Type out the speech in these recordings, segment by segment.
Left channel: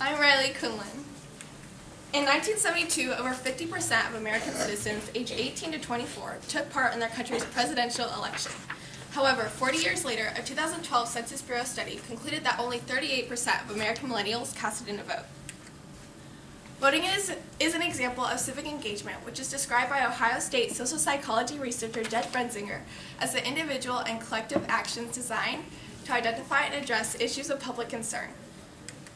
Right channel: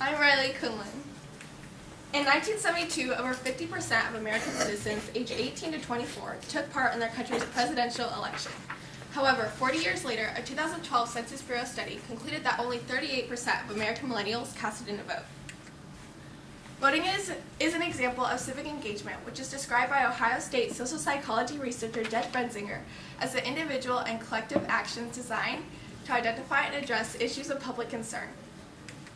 Quinlan. In 1972, over 50% of American citizens aged 18 to 24 took part in their country's presidential election. However, 40 years later, a 2012 Census Bureau study concluded that only 38% of American millennials casted in a vote. Voting is an example of civic engagement, which is described by Ohio State social psychology researcher Jed Brensinger as the individual and collective actions designed to identify and address issues of public concern.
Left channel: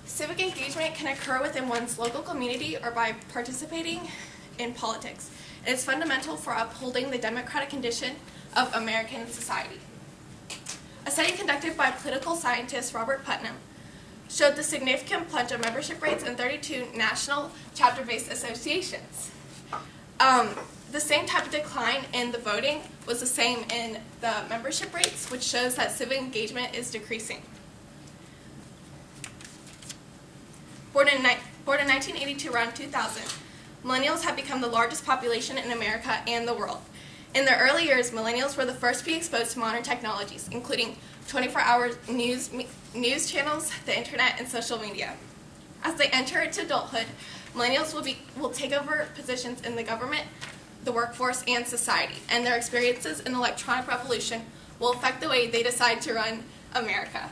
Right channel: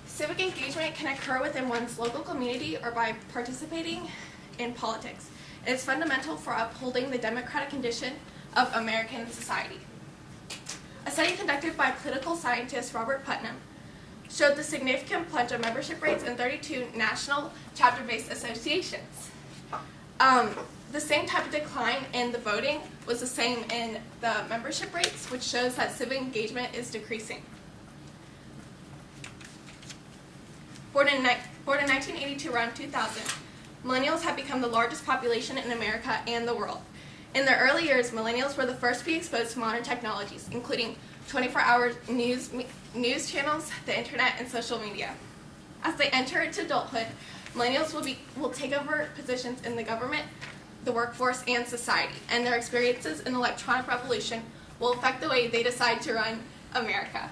Civic engagement can occur within one's local community or by participating in politics. It is fundamental for upholding the democratic condition of American society. A study conducted by political scientist Robert Putnam showed the significant plunge of membership rates in 32 national chapter-based associations. The same type of decline in the voting was the same in the membership rates, which shows that civic engagement is decreasing. Born in 1982 around 2000, millennials have become the largest population in America and the world. In their early years, millennials were the first to be exposed to modern technologies, including 24-hour news channels, the internet, and social media. As they enter into adulthood, millennials will take over positions in the government, the workforce, and society, and their experiences in the electronic revolution will affect the way they decide to run America.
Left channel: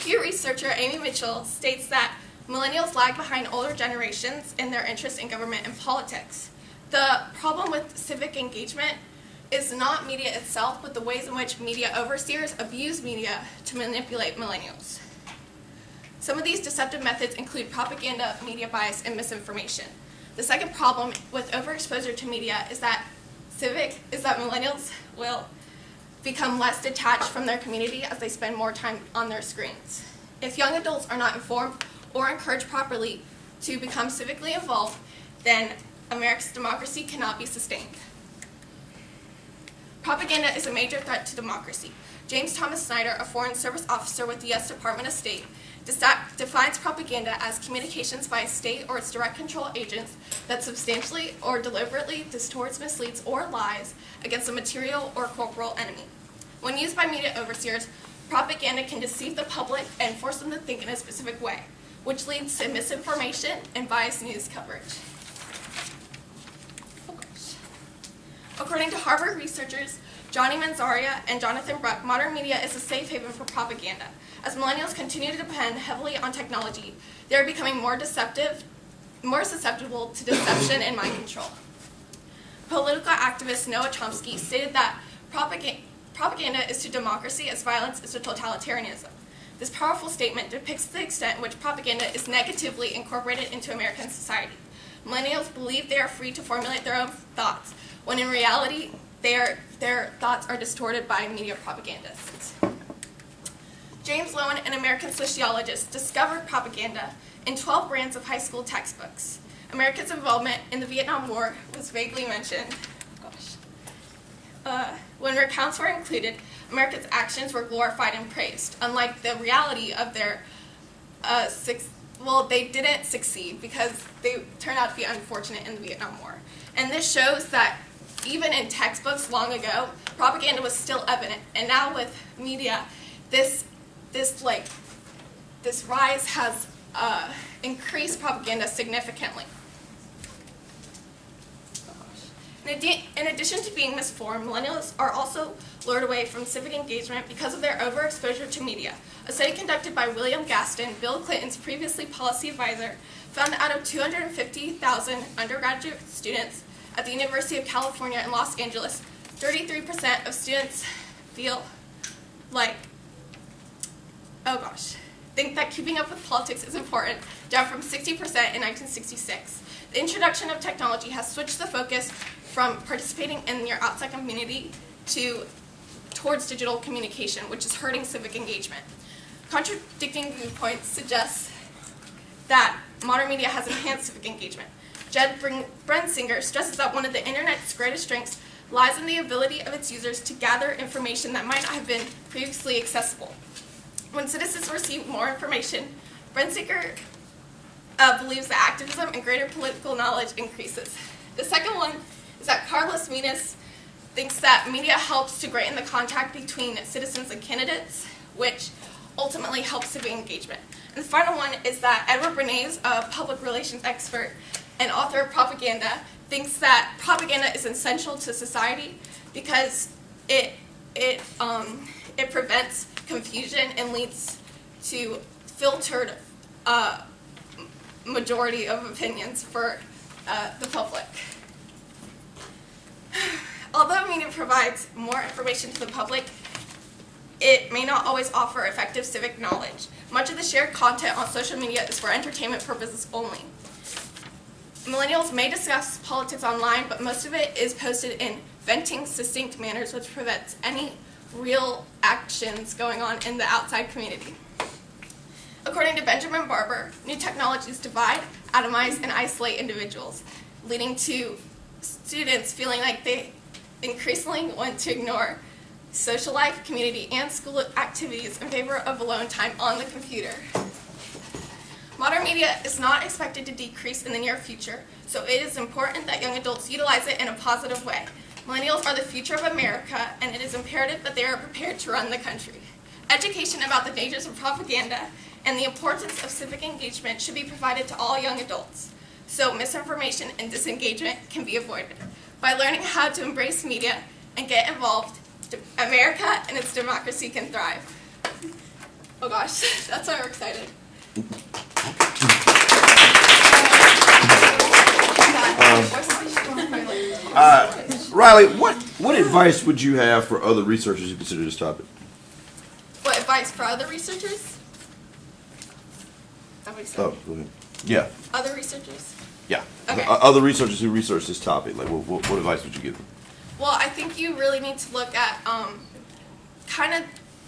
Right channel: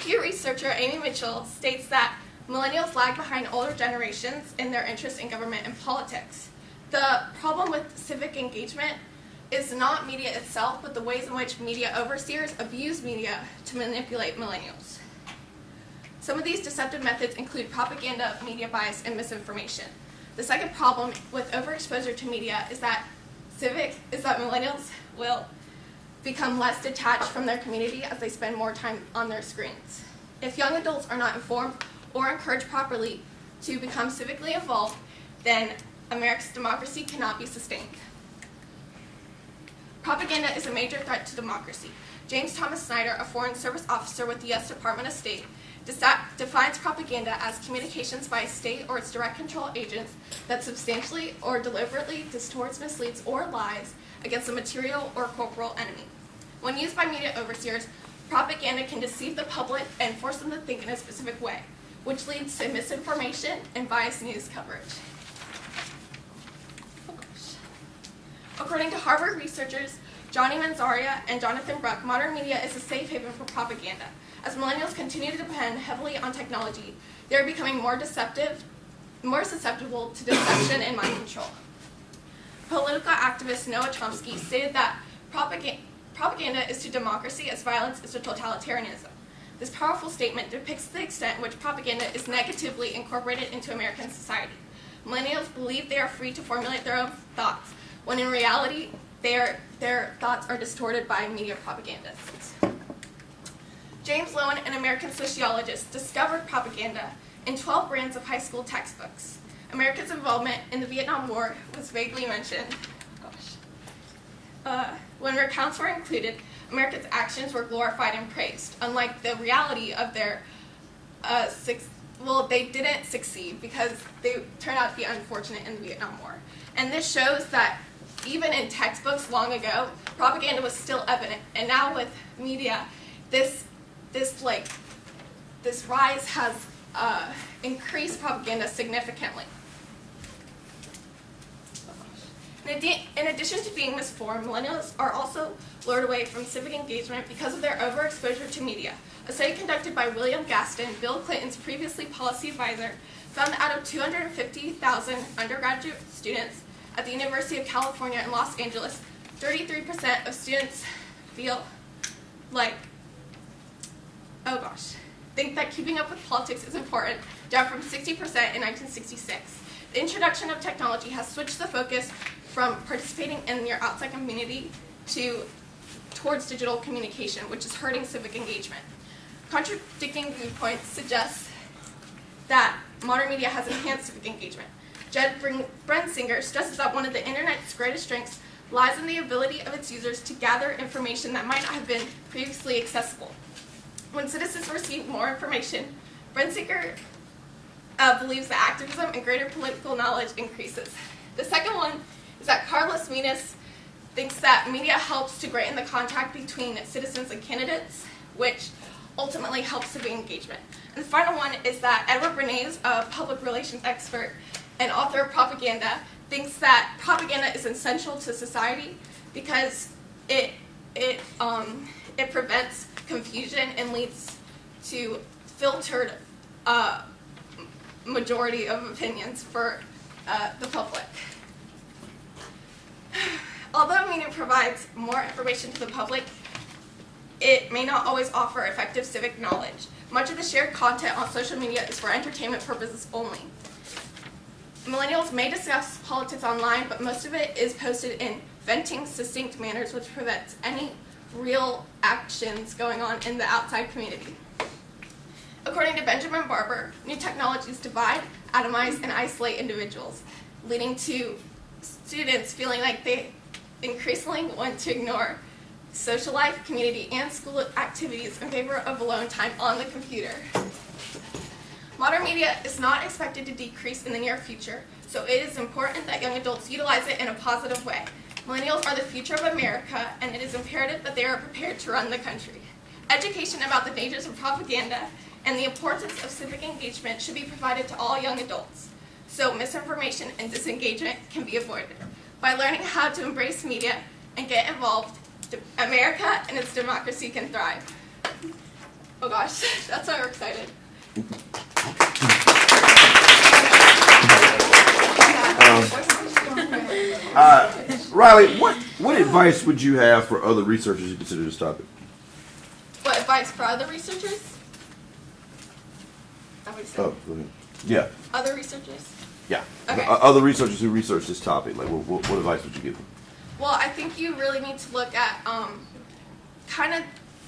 Pew researcher Amy Mitchell states that millennials lag behind older generations in their interest in government and politics. The problem with civic engagement is not media itself, but the ways in which media overseers abuse media to manipulate millennials. Some of these deceptive methods include propaganda, media bias, and misinformation. The second problem with overexposure to media is that millennials will become less detached from their community as they spend more time on their screens. If young adults are not informed or encouraged properly to become civically involved, then America's democracy cannot be sustained. Propaganda is a major threat to democracy. James Thomas Snyder, a Foreign Service officer with the U.S. Department of State, defines propaganda as communications by a state or its direct control agents that substantially or deliberately distorts, misleads, or lies against a material or corporal enemy. When used by media overseers, propaganda can deceive the public and force them to think in a specific way, which leads to misinformation and biased news coverage. According to Harvard researchers Johnny Manzaria and Jonathan Bruck, modern media is a safe haven for propaganda. As millennials continue to depend heavily on technology, they are becoming more susceptible to deception and mind control. Political activist Noah Chomsky stated that propaganda is to democracy as violence is to totalitarianism. This powerful statement depicts the extent in which propaganda is negatively incorporated into American society. Millennials believe they are free to formulate their own thoughts, when in reality, their thoughts are distorted by media propagandists. James Lowen, an American sociologist, discovered propaganda in 12 brands of high school textbooks. America's involvement in the Vietnam War was vaguely mentioned. When recounts were included, America's actions were glorified and praised, unlike the reality of their they didn't succeed because they turned out to be unfortunate in the Vietnam War. And this shows that even in textbooks long ago, propaganda was still evident. And now with media, this rise has increased propaganda significantly. In addition to being misinformed, millennials are also lured away from civic engagement because of their overexposure to media. A study conducted by William Gaston, Bill Clinton's previously policy advisor, found that out of 250,000 undergraduate students at the University of California in Los Angeles, 33% of students think that keeping up with politics is important, down from 60% in 1966. The introduction of technology has switched the focus from participating in your outside community towards digital communication, which is hurting civic engagement. Contradicting viewpoints suggest that modern media has enhanced civic engagement. Jed Brensinger stresses that one of the Internet's greatest strengths lies in the ability of its users to gather information that might not have been previously accessible. When citizens receive more information, Brensinger believes that activism and greater political knowledge increases. The second one is that Carlos Menas thinks that media helps to greaten the contact between citizens and candidates, which ultimately help civic engagement. And the final one is that Edward Bernays, a public relations expert and author of Propaganda, thinks that propaganda is essential to society because it prevents confusion and leads to filtered majority of opinions for the public. Although media provides more information to the public, it may not always offer effective civic knowledge. Much of the shared content on social media is for entertainment purposes only. Millennials may discuss politics online, but most of it is posted in venting, succinct manners, which prevents any real actions going on in the outside community. According to Benjamin Barber, new technologies divide, atomize, and isolate individuals, leading to students feeling like they increasingly want to ignore social life, community, and school activities in favor of alone time on the computer. Modern media is not expected to decrease in the near future, so it is important that young adults utilize it in a positive way. Millennials are the future of America, and it is imperative that they are prepared to run the country. Education about the dangers of propaganda and the importance of civic engagement should be provided to all young adults, so misinformation and disengagement can be avoided. By learning how to embrace media and get involved, America and its democracy can thrive. Oh gosh, that's why we're excited. Riley, what advice would you have for other researchers who consider this topic? What advice for other researchers? Is that what you said? Oh, go ahead. Yeah. Other researchers? Yeah. Okay. Other researchers who research this topic, like what advice would you give them? Well, I think you really need to look at kind of,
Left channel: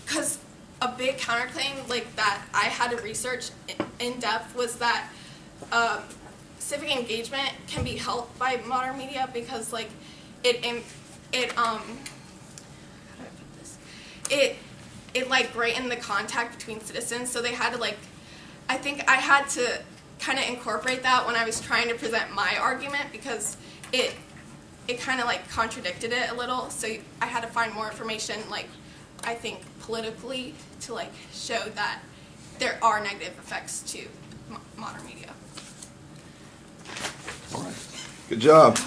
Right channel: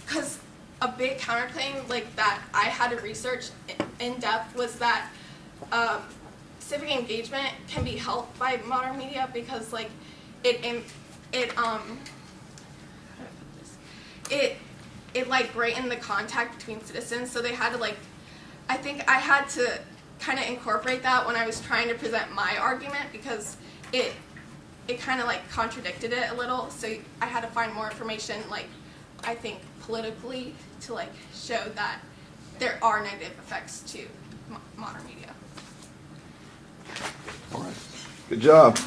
because a big counterclaim like that I had to research in depth was that civic engagement can be helped by modern media because like it like brightened the contact between citizens. So they had to like, I think I had to kind of incorporate that when I was trying to present my argument because it kind of like contradicted it a little. So I had to find more information, like I think politically, to like show that there are negative effects to modern media. All right. Good job.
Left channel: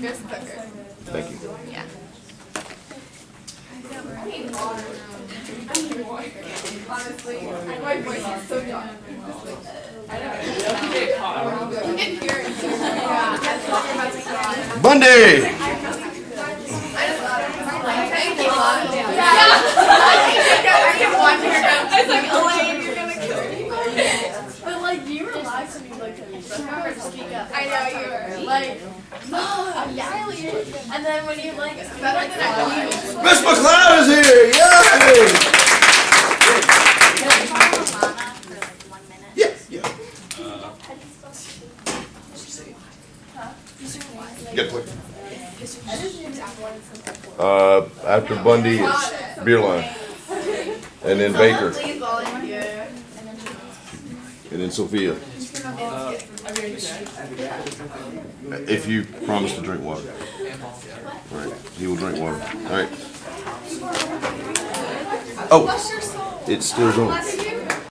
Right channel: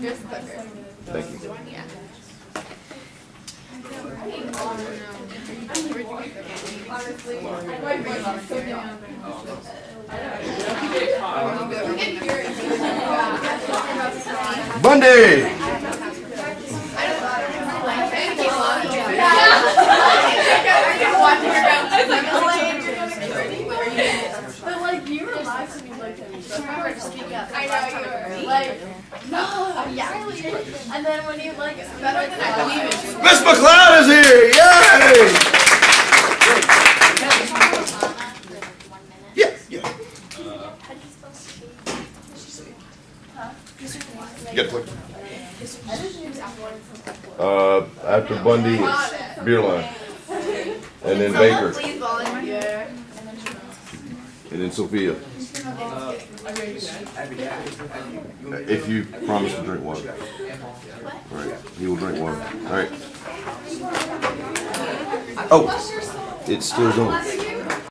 Here's the clicker. Thank you. Yeah. Honestly, my voice is so dry. Bundy! But like you were live to me like that, so I remember to speak up. I know you were. Like, no, yeah. And then when you like, Better than I thought. Miss McLeod is here! Yay! Yeah, yeah. You got click. After Bundy, it's Beer Line. And then Baker. Please volunteer. And then Sophia. If you promise to drink water. All right. He will drink water. All right. Oh, it's still going.